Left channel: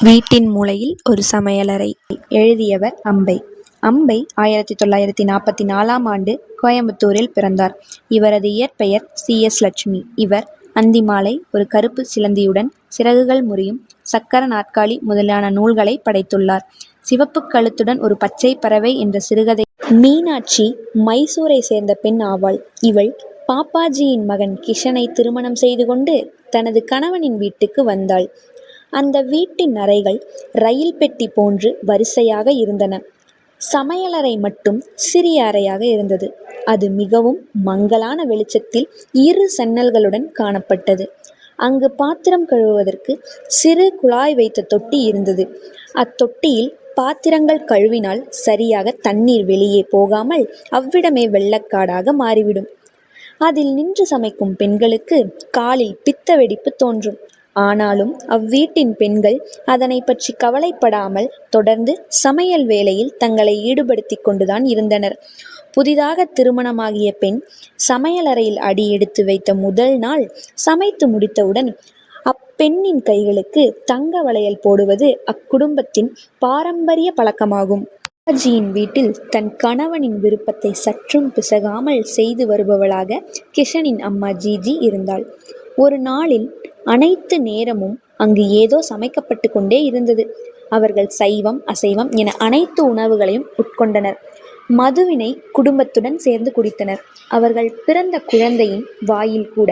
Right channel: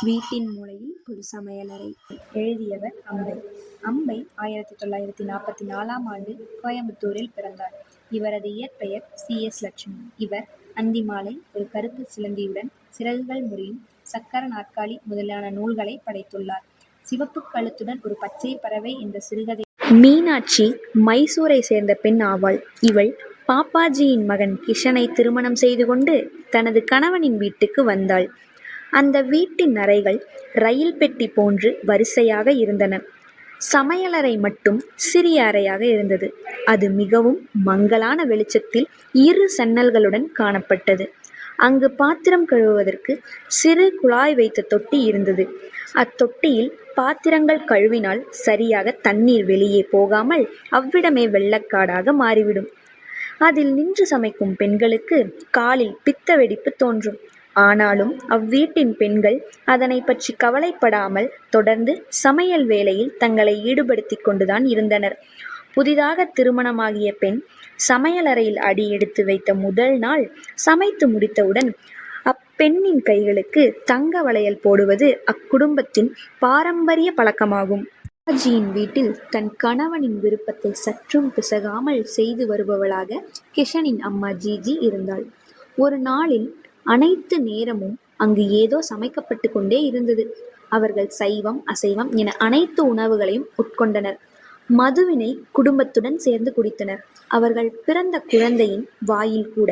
வீட்டின் மூலையில் ஒரு சமையலறை. எழுதியவர் அம்பை. அம்பை ஆயிரத்தி தொள்ளாயிரத்தி நாற்பத்தி நாலாம் ஆண்டு கோயம்புத்தூரில் பிறந்தார். இவரது இயற்பெயர் சி. எஸ். லட்சுமி. இவர் அந்திமாலை ஒரு கருப்பு சிலந்தியுடன் சிறகுகள் முறியும் சக்கர நாற்காலி முதலான நூல்களை படைத்துள்ளார். சிவப்பு கழுத்துடன் ஒரு பச்சை பறவை என்ற சிறுகதை. மீனாட்சி மைசூரை சேர்ந்த பெண் ஆவாள். இவள் பாப்பாஜியின் மகன் கிஷனை திருமணம் செய்து கொண்டு தனது கணவனின் வீட்டுக்கு வந்தாள். அந்த வீட்டின் அறைகள் ரயில் பெட்டி போன்று வரிசையாக இருந்தன. சமையலறை மட்டும் சிறிய அறையாக இருந்தது. அது மிகவும் மங்கலான வெளிச்சத்தில் இரு சன்னல்களுடன் காணப்பட்டது. அங்கு பாத்திரம் கழுவுவதற்கு சிறு குழாய் வைத்த தொட்டி இருந்தது. அத்தொட்டியில் பாத்திரங்கள் கழுவினால் சரியாக தண்ணீர் வெளியே போகாமல் அவ்விடமே வெள்ளக்காடாக மாறிவிடும். அதில் நின்று சமைக்கும் பெண்களுக்கு காலில் பித்த வெடிப்பு தோன்றும். ஆனாலும் அவ்வீட்டின் பெண்கள் அதனை பற்றி கவலைப்படாமல் தொடர்ந்து சமையல் வேலையில் தங்களை ஈடுபடுத்திக் கொண்டுதான் இருந்தனர். புதிதாக திருமணமாகிய பெண் சமையலறையில் அடி எடுத்து வைத்த முதல் நாள் சமைத்து முடித்தவுடன் அப்பெண்ணின் கைகளுக்கு தங்க வளையல் போடுவது அக்குடும்பத்தின் பாரம்பரிய பழக்கமாகும். பாபாஜியின் வீட்டில் தன் கணவனின் விருப்பத்தை சற்றும் பிசகாமல் செய்து வருபவளாக கிஷனின் அம்மா ஜிஜி இருந்தாள். ஒரு நாளில் அனைத்து நேரமும் அங்கு ஏதோ சமைக்கப்பட்டு கொண்டே இருந்தது. அவர்கள் சைவம் அசைவம் என அனைத்து உணவுகளையும் உட்கொண்டனர். மதுவினை குடும்பத்துடன் சேர்ந்து குடித்தனர். அவர்கள் பிறந்த குழந்தையின் வாயில் கூட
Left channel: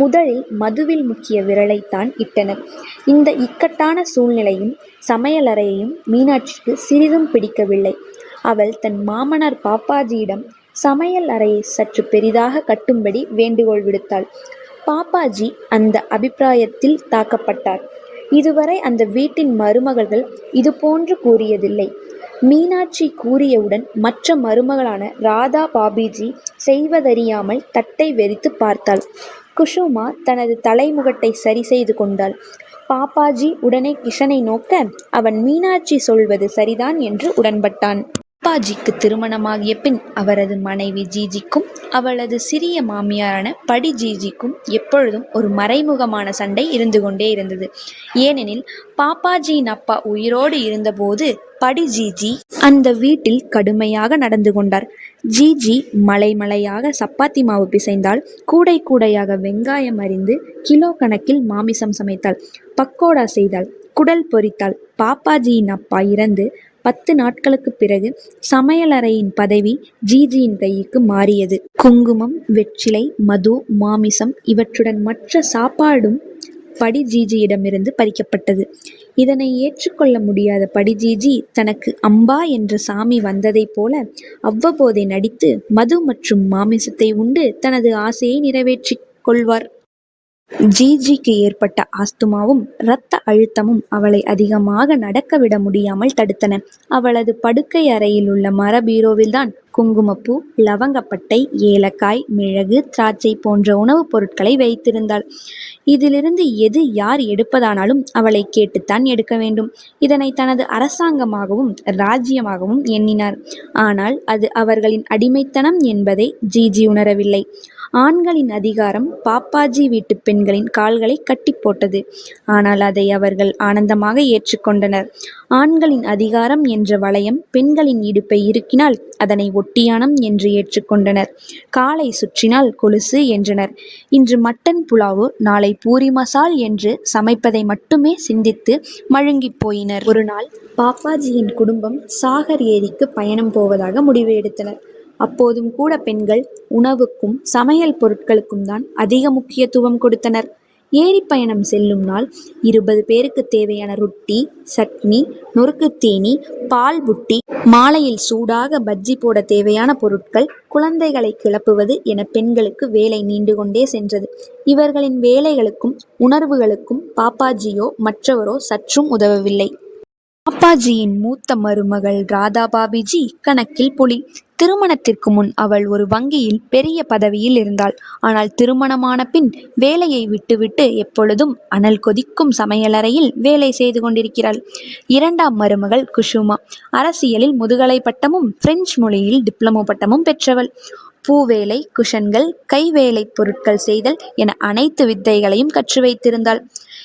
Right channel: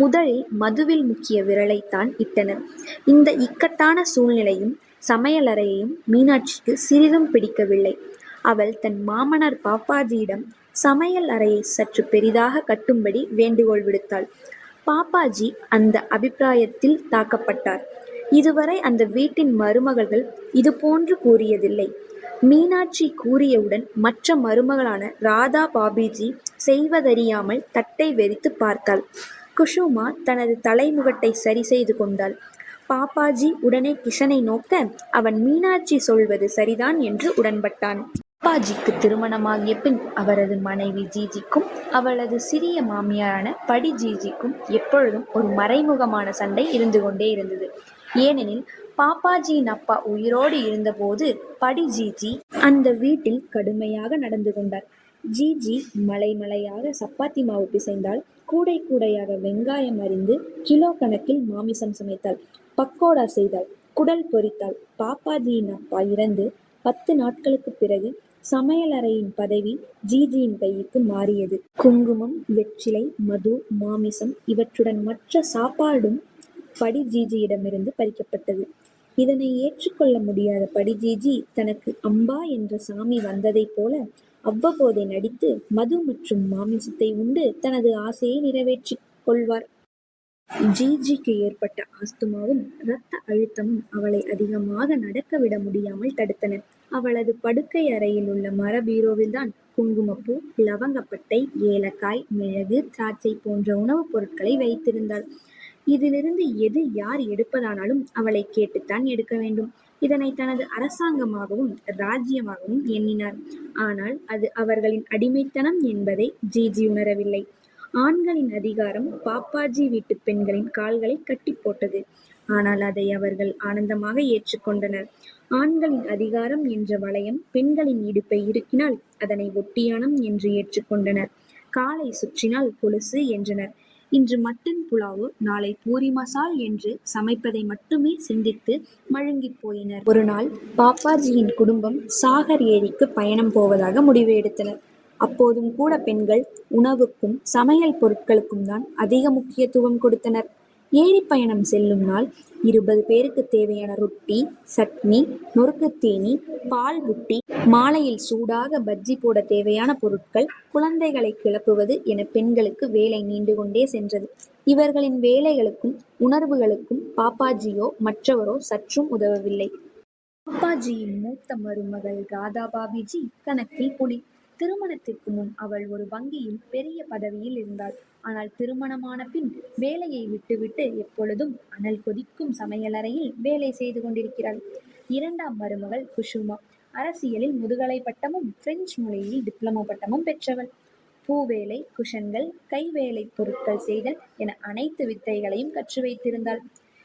முதலில் மதுவில் முக்கிய விரலைத்தான் இட்டனர். இந்த இக்கட்டான சூழ்நிலையும் சமையலறையையும் மீனாட்சிக்கு சிறிதும் பிடிக்கவில்லை. அவள் தன் மாமனார் பாப்பாஜியிடம் சமையல் அறையை சற்று பெரிதாக கட்டும்படி வேண்டுகோள் விடுத்தாள். பாப்பாஜி அந்த அபிப்பிராயத்தில் தாக்கப்பட்டார். இதுவரை அந்த வீட்டின் மருமகள்கள் இதுபோன்று கூறியதில்லை. மீனாட்சி கூறியவுடன் மற்ற மருமகளான ராதா பாபிஜி செய்வதறியாமல் தட்டை வெறித்து பார்த்தாள். குஷுமா தனது தலைமுகட்டை சரி செய்து கொண்டாள். பாப்பாஜி உடனே கிஷனை நோக்க அவன் மீனாட்சி சொல்வது சரிதான் என்று உடன்பட்டான். சிவாஜிக்கு திருமணமாகிய பின் அவரது மனைவி ஜிஜிக்கும் அவளது சிறிய மாமியாரான படி ஜிஜிக்கும் எப்பொழுதும் ஒரு மறைமுகமான சண்டை இருந்து கொண்டே இருந்தது. ஏனெனில் பாப்பாஜியின் அப்பா உயிரோடு இருந்தபோது படி ஜிஜி அந்த வீட்டில் கடுமையாக நடந்து கொண்டார். ஜிஜி மலைமலையாக சப்பாத்தி மாவு பிசைந்தால் கூடை கூடையாக வெங்காயம் அறிந்து கிலோ கணக்கில் மாமிசம் சமைத்தாள். பக்கோடா செய்தாள். குடல் பொரித்தாள். பாப்பாஜியின் அப்பா இறந்து பத்து நாட்களுக்குப் பிறகு சமையலறையின் பதவி ஜிஜியின் கைக்கு மாறியது. குங்குமம், வெற்றிலை, மது, மாமிசம் இவற்றுடன் மற்ற சாப்பாடும் படி ஜிஜியிடமிருந்து பறிக்கப்பட்டது. இதனை ஏற்றுக்கொள்ள முடியாத படி ஜிஜி தனக்கு அம்பா என்ற சாமி வந்ததைப் போல அவ்வப்போதே நடித்து மது மற்றும் மாமிசத்தை உண்டு தனது ஆசையை நிறைவேற்றிக் கொள்வார். ஜிஜிக்கு ஏற்பட்ட ஆஸ்துமாவும் இரத்த அழுத்தமும் அவளை அதிகமாக நடக்க விட முடியாமல் தடுத்தன. அவளது படுக்கை அறையில் உள்ள மரபீரோவில்தான் குங்குமப்பூ, லவங்கப்பட்டை, ஏலக்காய், மிளகு, திராட்சை போன்ற உணவுப் பொருட்களை வைத்திருந்தாள். இதிலிருந்து எது யார் எடுப்பதானாலும் அவளைக் கேட்டுத்தான் எடுக்க வேண்டும். இதனை தனது அரசாங்கமாகவும் ராஜ்யமாகவும் எண்ணினார். ஆனால் அது அவர்களின் அடிமைத்தனம் என்பதை ஜிஜி உணரவில்லை. ஆண்களின் அதிகாரம் பாப்பாஜி வீட்டுப் பெண்களின் கால்களை கட்டிப் போட்டது. ஆனால் அதை அவர்கள் ஆனந்தமாக ஏற்றுக்கொண்டனர். ஆண்களின் அதிகாரம் என்ற வளையம் பெண்களின் இடுப்பை இறுக்கினால் அதனை ஒட்டியானம் என்று ஏற்றுக்கொண்டனர். காலை சுற்றினால் கொலுசு என்றனர். இன்று மட்டன் புலாவு நாளை பூரி மசால் என்று சமைப்பதை மட்டுமே சிந்தித்து மழுங்கிப் போயினர். ஒருநாள் பாப்பாஜியின் குடும்பம் சாகர் ஏரிக்கு பயணம் போவதாக முடிவு எடுத்தனர். அப்போதும் கூட பெண்கள் உணவுக்கும் சமையல் பொருட்களுக்கும் தான் அதிக முக்கியத்துவம் கொடுத்தனர். ஏரி பயணம் செல்லும் நாள் இருபது பேருக்குத் தேவையான ரொட்டி, சட்னி, நொறுக்குத் தீனி, பால் புட்டி, மாலையில் சூடாக பஜ்ஜி போட தேவையான பொருட்கள், குழந்தைகளை கிளப்புவது என பெண்களுக்கு வேலை நீண்டு கொண்டே சென்றது. இவர்களின் வேலைகளுக்கும் உணர்வுகளுக்கும் பாப்பாஜியோ மற்றவரோ சற்றும் உதவவில்லை. அப்பாஜியின் மூத்த மருமகள் ராதா பாபிஜி கணக்கில் புலி. திருமணத்திற்கு முன் அவள் ஒரு வங்கியில் பெரிய பதவியில் இருந்தாள். ஆனால் திருமணமான பின் வேலையை விட்டுவிட்டு எப்பொழுதும் அனல் கொதிக்கும் சமையலறையில் வேலை செய்து கொண்டிருக்கிறாள். இரண்டாம் மருமகள் குஷுமா அரசியலில் முதுகலை பட்டமும் பிரெஞ்சு மொழியில் டிப்ளமோ பட்டமும் பெற்றவள். பூவேலை, குஷன்கள், கைவேலைப் பொருட்கள் செய்தல் என அனைத்து வித்தைகளையும் கற்று வைத்திருந்தாள்.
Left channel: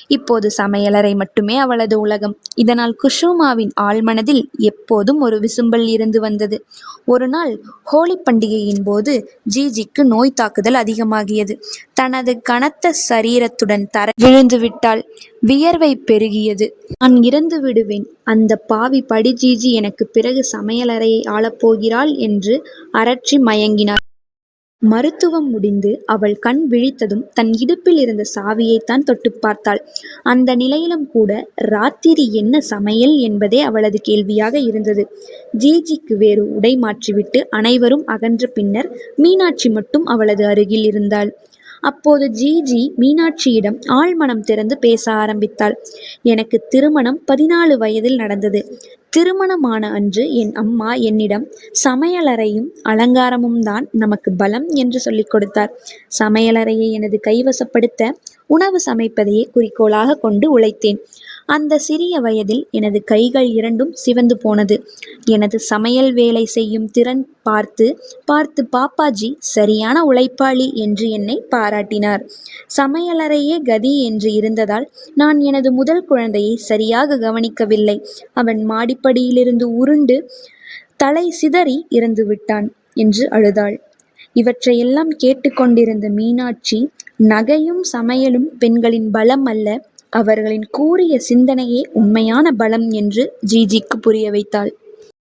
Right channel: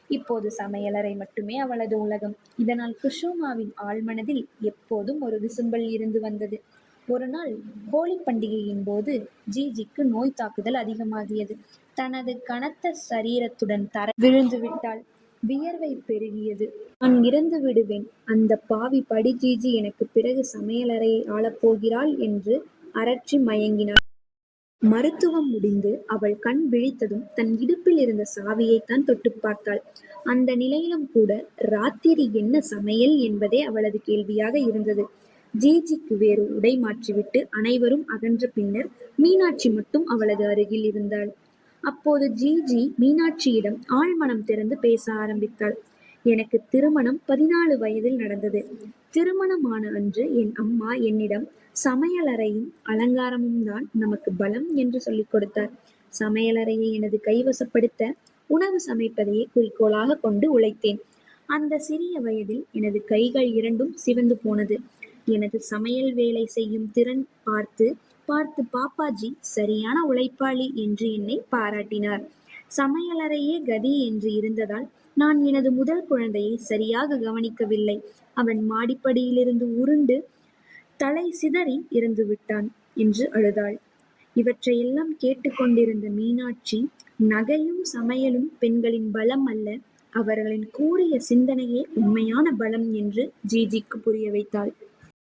இப்போது சமையலறை மட்டுமே அவளது உலகம். இதனால் குஷுமாவின் ஆழ்மனதில் எப்போதும் ஒரு விசும்பல் இருந்து வந்தது. ஒரு நாள் ஹோலி பண்டிகையின் போது ஜிஜிக்கு நோய் தாக்குதல் அதிகமாகியது. தனது கனத்த சரீரத்துடன் தர விழுந்து விட்டாள். வியர்வை பெருகியது. நான் இறந்து விடுவேன். அந்த பாவி படி ஜிஜி எனக்கு பிறகு சமையலறையை ஆளப்போகிறாள் என்று அரற்றி மயங்கினார். மருத்துவம் முடிந்து அவள் கண் விழித்ததும் தன் இடுப்பில் இருந்த சாவியைத்தான் தொட்டு பார்த்தாள். அந்த நிலையிலும் கூட ராத்திரி என்ன சமையல் என்பதே அவளது கேள்வியாக இருந்தது. ஜிஜிக்கு வேறு உடை மாற்றிவிட்டு அனைவரும் அகன்ற பின்னர் மீனாட்சி மட்டும் அவளது அருகில் இருந்தாள். அப்போது ஜிஜி மீனாட்சியிடம் ஆழ்மனம் திறந்து பேச ஆரம்பித்தாள். எனக்கு திருமணம் பதினாலு வயதில் நடந்தது. திருமணமான அன்று என் அம்மா என்னிடம் சமையலறையும் அலங்காரமும் தான் நமக்கு பலம் என்று சொல்லிக் கொடுத்தார். சமையலறையை எனது கைவசப்படுத்த உணவு சமைப்பதையே குறிக்கோளாக கொண்டு உழைத்தேன். அந்த சிறிய வயதில் எனது கைகள் இரண்டும் சிவந்து போனது. எனது சமையல் வேலை செய்யும் திறன் பார்த்து பார்த்து பாப்பாஜி சரியான உழைப்பாளி என்று என்னை பாராட்டினார். சமையலறையே கதி என்று இருந்ததால் நான் எனது முதல் குழந்தையை சரியாக கவனிக்கவில்லை. அவன் மாடிப்படியிலிருந்து உருண்டு தலை சிதறி இறந்து விட்டான் என்று அழுதாள். இவற்றையெல்லாம் கேட்டுக்கொண்டிருந்த மீனாட்சி நகையும் சமையலும் பெண்களின் பலம் அல்ல அவர்களின் கூரிய சிந்தனையே உண்மையான பலம் என்று ஜிஜிக்கு புரிய வைத்தாள்.